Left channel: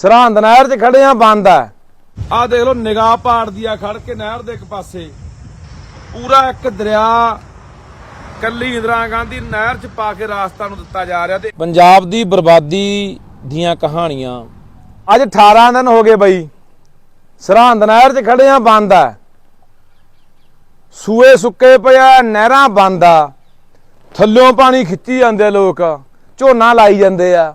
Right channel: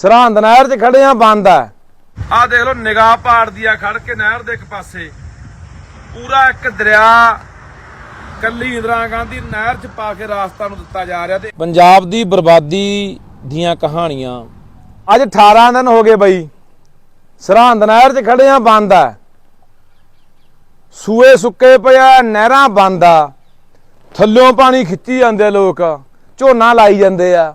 ਸਰਹੰਦ ਨਹਿਰ 'ਚ ਖੜੇ ਆ ਬੰਦ ਆ। ਆ ਦੇਖ ਲਓ ਨਿਗਾਹ ਪਾੜਦੀ ਆ ਖੜ ਕੇ ਨਹਿਰ ਦੇ ਇੱਕ ਪਾਸੇ। ਪੂਰਾ ਇੱਕ ਦਰਿਆ ਕੱਲੀ ਇੰਦਰਾ ਗਾਂਧੀ ਨਹਿਰ 'ਚ ਪਾ ਕੇ ਰਾਸਤਾ ਨੂੰ ਦਿੱਤਾ ਜਾ ਰਿਹਾ ਤੇ ਪੰਜਾਬ ਦੀ ਬਰਬਾਦੀ ਦੀਆਂ ਕਹਾਣੀਆਂ। ਅੱਜ 18 ਦਿਨ ਹੋ ਗਏ ਬਈ। ਸਰਹੰਦ ਨਹਿਰ 'ਚ ਖੜੇ ਆ ਬੰਦ ਆ। ਸੂਏ ਸੁੱਕੇ ਪਿਆ ਨਹਿਰਾਂ ਬੰਦ ਆ। ਥੱਲਿਓਂ ਪਾਣੀ ਖਿੱਚੀ ਜਾਂਦੇ ਲੋਕ। ਝੋਨਾ ਲਾਈ ਜਾਂਦੇ ਆ।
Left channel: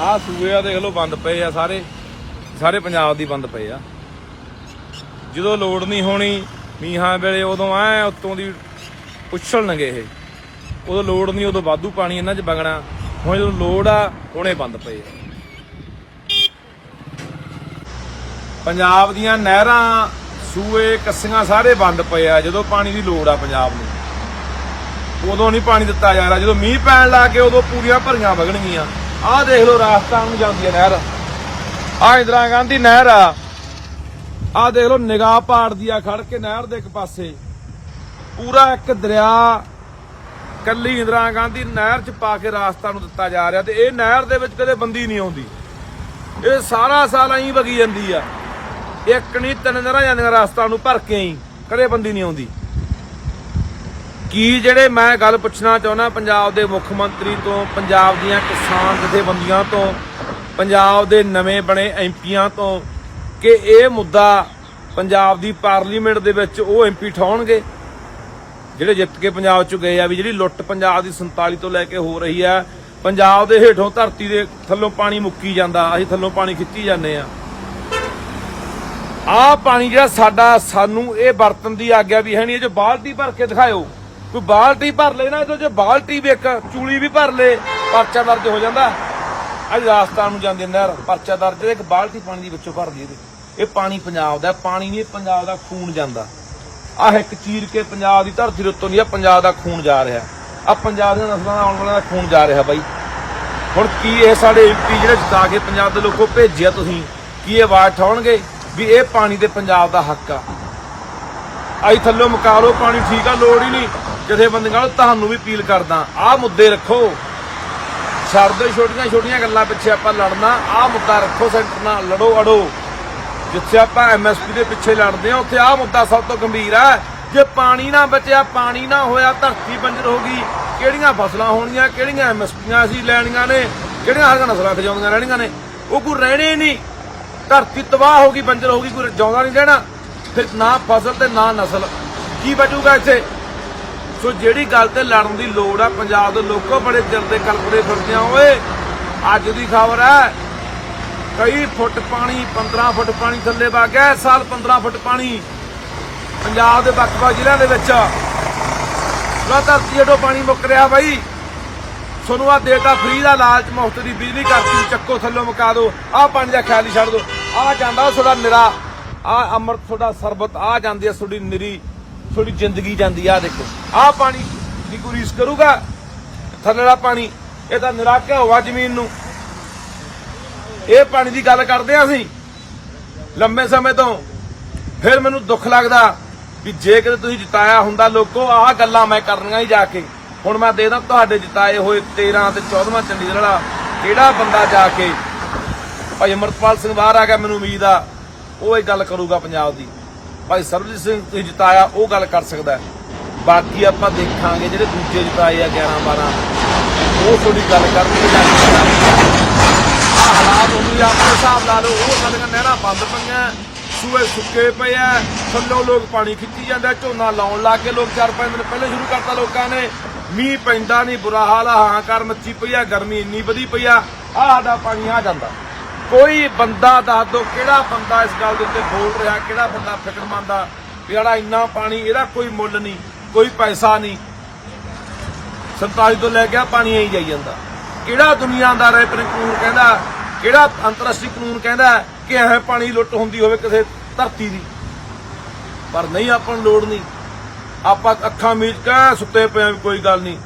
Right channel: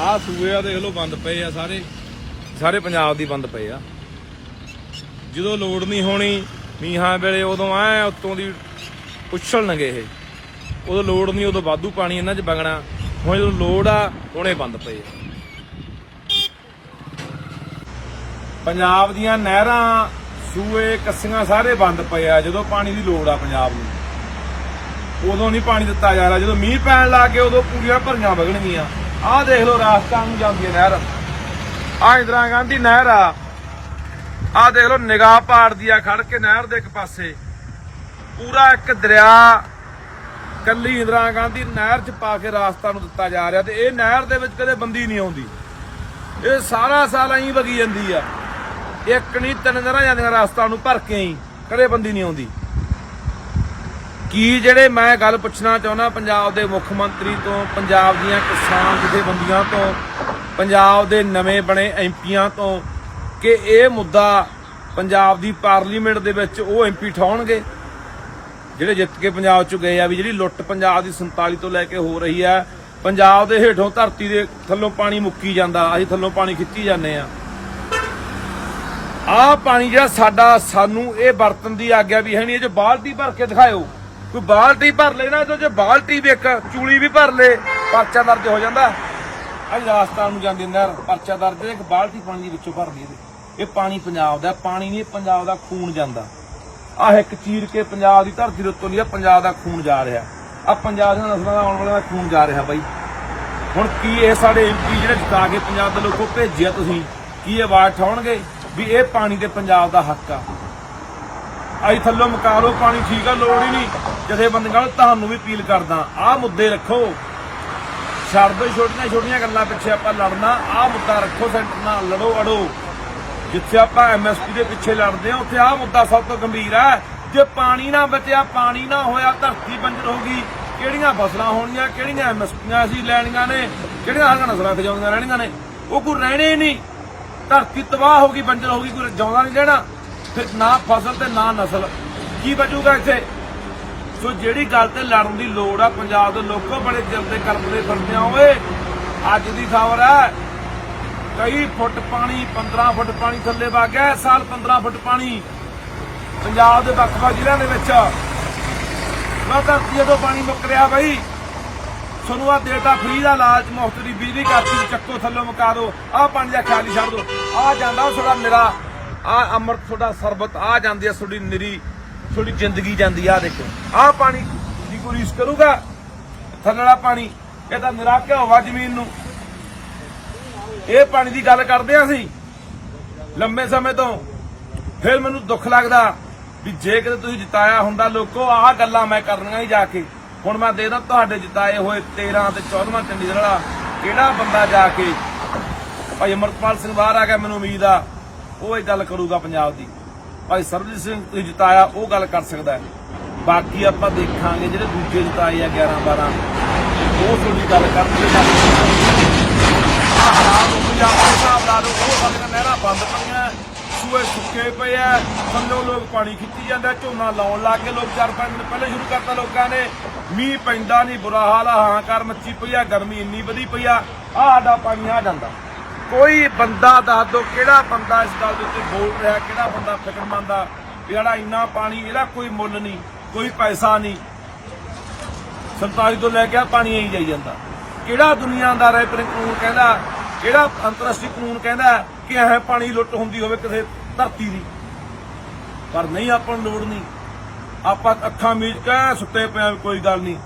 ਆਹ ਸੂਏ ਆ ਦੇਖ ਲਓ ਬੰਦ ਪਏ ਆ ਸਾਰੇ। ਸਾਰੇ ਪੰਜਾਬ ਦੀ ਬੰਦ ਪਏ ਆ। ਜਦੋਂ ਲੋੜ ਨਹੀਂ ਹੋਣੀ, ਮੀਂਹਾਂ ਵੇਲੇ ਉਦੋਂ ਐ ਉੱਤੋਂ ਦੀ ਉਛਲਣਗੇ ਇਹ। ਉਦੋਂ ਲੋੜ ਨਹੀਂ, ਉਦੋਂ ਵਾਧੂ ਪਾਣੀ ਇਹਨਾਂ 'ਚ ਵਗਣਾ। ਹੁਣ ਜਦੋਂ ਲੋੜ ਆ, ਹੁਣੇ ਬੰਦ ਪਏ ਆ। ਪੰਜਾਬ ਦੀਆਂ ਨਹਿਰਾਂ, ਸੂਏ, ਕੱਸੀਆਂ ਸਾਰੇ ਬੰਦ ਪਏ ਆ। ਜਦੋਂ ਪਾਣੀ ਦੀ ਲੋੜ ਆ ਪੰਜਾਬ ਨੂੰ। ਉਦੋਂ ਨਹੀਂ ਪਾਣੀ ਦਿੱਤਾ ਜਾ ਰਿਹਾ। ਜਦੋਂ ਮੀਂਹ ਪੈਣ ਲੱਗ ਗਏ, ਉਦੋਂ ਪੂਰੀਆਂ ਭਰੀਆਂ ਵਗਣਗੀਆਂ। ਆਹ ਦੇਖ ਲਓ ਰਾਜਸਥਾਨ ਨੂੰ ਜਾਂਦੀ ਹੈ ਨਹਿਰ। ਆਹ ਇੰਦਰਾ ਗਾਂਧੀ ਨਹਿਰ ਆ। ਆਹ ਦੇਖ ਲਓ ਨਿਗਾਹ ਪਾੜਦੀ ਆ ਖੜ ਕੇ ਨਹਿਰ ਦੇ ਇੱਕ ਪਾਸੇ। ਪੂਰਾ ਇੱਕ ਦਰਿਆ ਕੱਲੀ ਇੰਦਰਾ ਗਾਂਧੀ ਨਹਿਰ 'ਚ ਪਾ ਕੇ ਰਾਸਤਾ ਨੂੰ ਦਿੱਤਾ ਜਾ ਰਿਹਾ ਤੇ ਇਹ ਨਹਿਰ ਦੇ ਵਿੱਚ ਕਦੇ ਬੰਦੀ ਨਹੀਂ ਆਉਂਦੀ। ਇਹ ਸਾਰਾ ਸਾਲ ਐਂ ਵਗੀ ਜਾਂਦੀ ਆ। ਇੱਕ ਨਹੀਂ, ਤਿੰਨ ਨਹਿਰਾਂ ਜਾਂਦੀਆਂ ਰਾਸਤਾ ਨੂੰ ਭਰ ਕੇ ਹੀ ਕਦੇ ਬੰਦੀ ਨਹੀਂ ਆਉਂਦੀ। ਕੀ ਜਿਹੜੇ ਮੈਂ ਗੱਲ ਪੁੱਛਣਾ ਚਾਹੁੰਦਾ, ਪੰਜਾਬ ਦੇ ਮੁੱਖ ਮੰਤਰੀ ਤੋਂ, ਪੰਜਾਬ ਦੀਆਂ ਕਿਸਾਨ ਜਥੇਬੰਦੀਆਂ ਤੋਂ, ਪੰਜਾਬ ਦੇ ਨਵੇਂ ਬਣੇ ਐਮਪੀਆਂ ਤੋਂ, ਕਿ ਇਹ ਮੁੱਦਾ ਪੰਜਾਬ ਦੀ ਪਾਰਲੀਮੈਂਟ ਦੇ ਵਿੱਚ ਉਹ ਐਮਪੀ ਠਾਉਣਗੇ? ਜਿਹੜੇ ਜਿੱਤ ਕੇ ਪੰਜਾਬ ਚ ਗਏ ਆ, ਵੀ ਜਿਹੜੀ ਲੁੱਟ ਪੰਜਾਬ ਦੀ 47 ਤੋਂ ਲੈ ਕੇ ਹੋ ਰਹੀ ਆ, ਪੰਜਾਬ ਦੇ ਹੇਠੋਂ ਧਰਤੀ ਦੇ ਥੱਲੋਂ ਪਾਣੀ ਮੁੱਕੀ ਜਾਂਦਾ, ਅਸੀਂ ਥੱਲੋਂ ਪਾਣੀ ਖਿੱਚੀ ਜਾਂਦੇ ਆ। ਆਹ ਪਾਣੀ ਜਿਹੜਾ ਸਾਡਾ, ਸਾਨੂੰ ਇਹ ਵਰਤਨ ਦੀ ਆਗਿਆ ਵੀ ਹੈ ਨਹੀਂ, ਇਹ ਜੋ ਬਾਲਟੀ ਭਰ ਕੇ ਦਿਖਾਇਓ। ਕੋਈ ਬਾਲਟੀ ਭਰ ਲੈ ਨਾ, ਇਹਦੋਂ ਜੇ ਬਾਲਟੀ ਵੀ ਇੱਕ, ਚੂਲੀ ਵੀ ਭਰ ਲੈ, ਪਰਚਾ ਦਰਜ ਹੋ ਜਾਂਦਾ। ਅੱਜ ਰਾਜਸਥਾਨ ਨੂੰ ਜਾਂਦੀ ਨਹਿਰ, ਪਰਚਾ ਦਰਜ ਇੱਕ ਬਾਲਟੀ ਪਾਣੀ ਦੀ ਵਿੱਚੋਂ ਭਰਦੀ ਇਹਦੇ ਇਹ ਪਾਣੀ ਪੰਜਾਬ ਦਾ ਪਾਣੀ ਨਹੀਂ, ਪੰਜਾਬ ਦਾ ਖੂਨ ਜਾਂਦਾ। ਆਹ ਇੱਕ ਚੀਰ ਕੇ ਪੰਜਾਬ ਦੀ ਧਰਤੀ ਦੇ ਉੱਤੋਂ ਦੀ ਆ ਪੰਜਾਬ ਦਾ ਖੂਨ ਜਾ ਰਿਹਾ। ਆ ਪੰਜਾਬ ਦੀਆਂ ਨਸਲਾਂ ਦਾ ਆਉਣ ਵਾਲਾ ਦਾ ਖੂਨ ਜਾ ਰਿਹਾ ਬਾਈ। ਹੁਣ ਕੀ ਇਹ ਸਾਡੇ ਐਮਪੀ ਜਿਹੜੇ ਜਿਤਾ ਕੇ ਪੰਜਾਬ ਦੇ ਲੋਕੋ ਭੇਜਿਆ ਤੁਸੀਂ? ਕੀ ਇਹ ਆਵਾਜ਼ ਠਾਉਣਗੇ ਵੀ ਇਹ ਪਾਣੀ ਤੇ ਪੰਜਾਬ ਦਾ ਹੱਕ ਆ? ਆਈ ਥੱਲੋਂ ਮੁਕਾ ਲਓ, ਪਾਣੀ ਠੀਕ ਆ, ਲੋੜ ਹੀ ਨਹੀਂ। ਜਥੇਬੰਦੀਆਂ ਨੂੰ ਤੁਹਾਨੂੰ ਵੀ ਅਪੀਲ ਕਰਦਾ। ਆਹ ਮੁੱਦੇ ਰੱਖੋ। ਛੱਡ ਦਿਓ ਛੋਟੀਆਂ ਛੋਟੀਆਂ ਗੱਲਾਂ ਪਿੱਛੇ ਆਪਾਂ ਲੜਨਾ, ਆਹ ਮੁੱਦਾ ਰੱਖੋ ਸੈਂਟਰ ਨਾਲ, ਲੜੋ, ਅੜੋ। ਜਿੱਥੇ ਆਪਾਂ ਐਮਐਸਪੀ ਦੇ ਪਿੱਛੇ ਲੜਦੇ ਆ ਉੱਥੇ ਆਹ ਮੁੱਦਾ ਸਭ ਤੋਂ ਗੰਭੀਰ ਹੈ। ਜੇ ਪਾਣੀ ਨਾ ਬਚਿਆ, ਪਾਣੀ ਨਾ ਹੋਇਆ, ਧਰਤੀ ਬੰਜਰ ਹੋ ਗਈ। ਕਿਹੜੀਆਂ ਫਸਲਾਂ ਹੋਣੀਆਂ, ਕਿਹੜੀਆਂ ਐਮਐਸਪੀਆਂ ਅਸੀਂ ਲੈਣੀਆਂ ਨੇ, ਕਿਹੜੀਆਂ ਹਰੀਆਂ ਨਸਲਾਂ ਖਜਾਉਂਦੀਆਂ ਰਹਿਣੀਆਂ ਨੇ। ਉਹ ਕੋਈ ਰਹਿਣੇ ਨਹੀਂ। ਧਰਤੀ ਤਬਾਹ ਹੋ ਗਈ, ਬੰਜਰ ਹੋ ਗਈ, ਕੋਈ ਜਾਉਂਦਾ ਨਹੀਂ ਰਹਿਣਾ। ਫਿਰ ਨਾ ਫਸਲ ਤੇ ਨਾ ਨਸਲ। ਕੀ ਬਚੂਗਾ ਇੱਥੇ? ਸੋ ਜਿਹੜੀ ਗੱਲ ਤੇ ਲੜਨ ਦੀ ਲੋੜ ਆ, ਪੰਜਾਬ ਦੇ ਲੋਕੋ ਬੜੇ ਚਿਰ ਦੇ ਕਲਪਦੇ ਫਿਰਦੇ ਆ, ਓਏ, ਅੱਜ ਦੀ ਖਬਰ ਹੈ, ਕਈ ਫੁੱਟ ਪਾਣੀ 15 ਫੁੱਟ ਪਾਣੀ ਥੱਲੇ ਵਗ ਗਿਆ ਸਾਲ 15 ਫੁੱਟ ਪਾਣੀ ਪੰਜਾਬ ਦੇ ਵੱਖ-ਵੱਖ ਜ਼ਿਲ੍ਹਿਆਂ ਦੇ ਵਿੱਚ। ਲੋ ਧਰਤੀ ਜਦੋਂ ਪਾਣੀ ਮੁੱਕ ਰਿਹਾ ਬਾਈ। ਤੁਹਾਨੂੰ ਆ ਦੇਤਾ ਫ੍ਰੀ ਦਾ ਲਾਲਚ, ਮੁਫਤ ਦੀ ਬਿਜਲੀ ਕਰਤੀ, ਚੱਕੋ ਥੱਲੋਂ ਮੁਕਾ ਦਿਓ। ਆਹ ਪਾਣੀ ਦਾ ਖਿਆਲ ਛੱਡ ਦਿਓ। ਆਹ ਜਾਂਦਾ ਉਹ ਤੁਹਾਡਾ ਨਿਰਾ। ਆਹ ਅੰਮ੍ਰਿਤ ਤੁਹਾਡਾ ਸਰਬਤ, ਆ ਜਾਂਦੀ ਆ ਤੁਹਾਡੀ ਨਿਰੀ, ਤੁਹਾਡੀ ਜ਼ਿੰਦਗੀ ਜਾਂਦੀ ਆ ਦੇਖੋ। ਆਹ ਪਾਣੀ ਦੀ ਕੋਈ ਕਰੂਗਾ? ਥੱਲੇ ਪਾਣੀ ਇਹ ਤਾਂ ਨਿਰਾ ਹੋਵਾ ਜ਼ਮੀਨ ਨੂੰ। ਇਹ ਪਾਣੀ ਦੀ ਗੱਲ ਕਰਦੇ ਆ ਅਸੀਂ। ਲੰਬੇ ਸਮੇਂ ਤੋਂ ਫਿਰ ਮੈਨੂੰ ਦੁੱਖ ਲੱਗਦਾ ਵੀ ਜੇ ਕਿਤੇ ਤੁਸੀਂ ਜਿਤਾਇਆ ਹੁੰਦਾ ਲੋਕੋ, ਆਹ ਗੱਲਾਂ ਮੈਂ ਕਰਨੀਆਂ ਹੀ ਜਾ ਕੇ। ਹੁਣ ਮੈਂ ਦੇਖਦਾ ਤੁਹਾਡੇ ਜਿਤਾਏ ਹੋਏ 13 ਤੇ 14ਵਾਂ ਚੰਡੀਗੜ੍ਹ ਵਾਲਾ ਕਿਹੜਾ ਬੰਦਾ ਜਾ ਕੇ? ਭਾਈ ਅਮਰਪਾਲ ਸਿੰਘ ਬਾਹਰ ਆ ਗਿਆ, ਮੈਨੂੰ ਉਮੀਦ ਆ। ਉਹ ਇਹ ਗੱਲ ਕਰੂਗਾ ਪੰਜਾਬ ਦੀ। ਭਾਈ ਸਰਬਜੀਤ ਸਿੰਘ ਤੁਸੀਂ ਜਿਤਾਇਆ, ਉਹ ਗੱਲ ਕਰ ਸਕਦਾ ਬਾਕੀ ਆਪਾਂ ਦੇਖਾਂਗੇ ਜਿਹੜੇ ਦੂਜੇ ਜਿਤਾਏ ਆ 11 12 ਉਹ ਤੁਹਾਡੀ ਗੱਲ ਕਰਨਗੇ ਜਾ ਪੰਜਾਬ ਹਾਲਾਤ ਹੋ ਗਏ ਆਪਣੇ ਹਿਸਾਬ ਲਾ ਲਓ, ਉਹ ਸਾਡੀਆਂ ਨਹਿਰਾਂ ਬੰਦ ਪਈਆਂ, ਸੂਏ ਸੁੱਕੇ ਪਏ ਆ, ਥੱਲੋਂ ਲੋਕ ਪਾਣੀ ਖਿੱਚੀ ਜਾਂਦੇ, ਝੋਨਾ ਲਾਉਣ ਲੱਗ ਗਏ, ਲੋਕ ਚਾਰ ਪੰਜ ਦਿਨ ਪਹਿਲੇ ਸ਼ੁਰੂ ਕਰਤਾ ਲੋਕਾਂ ਨੇ। ਮੀਂਹ ਪੈਂਦਾ ਨਹੀਂ, ਬੁਰਾ ਹਾਲ ਆ ਕਰ ਮੱਚੀ ਪਈ ਆ, ਗਰਮੀ ਇੰਨੀ ਵਧੀ ਪਈ ਆ, ਆਹ ਸਾਡਾ ਪਾਣੀ ਆ ਜਾਂਦਾ। ਕੋਈ ਬੰਦਾ ਦੱਸ ਦੋ ਕਿਹੜਾ ਬੰਦਾ ਇਸ ਗੱਲ ਦੇ ਉੱਤੇ ਬੋਲ ਰਿਹਾ, ਕਿਹੜਾ ਬੰਦਾ ਫਿਕਰਮੰਦ ਆ ਜਿਹੜਾ ਇੰਨਾ ਪਾਣੀ, ਇਹਦਾ ਕੋਈ ਮੁੱਲ ਨਹੀਂ, ਕੋਈ ਪੈਸਾ ਨਹੀਂ। 47 ਤੋਂ ਲੈ ਕੇ ਆ ਪਾਣੀ ਆਈ ਜਾਈ ਜਾਂਦਾ। ਕਿਹੜਾ ਦੁਨੀਆਦਾਰ ਹੈ ਆਪਣੇ ਕਾਨੂੰਨ ਕਹਿੰਦਾ, ਕਿਹੜਾ ਅੰਤਰਰਾਸ਼ਟਰੀ ਕਾਨੂੰਨ ਕਹਿੰਦਾ ਕਿ ਇਹ ਪਾਣੀ ਲੁੱਟ ਹੁੰਦੀ ਹੋਵੇ ਕਿਸੇ ਧਰਤੀ ਦੀ। ਪਰ ਨਹੀਂ, ਆਪਾਂ ਨੂੰ ਲੋੜ ਨਹੀਂ। ਆਪਾਂ ਅੱਖਾਂ ਮੀਚ ਕੇ ਸੁੱਤੇ ਪਏ ਕੋਈ ਗੱਲ ਨਹੀਂ।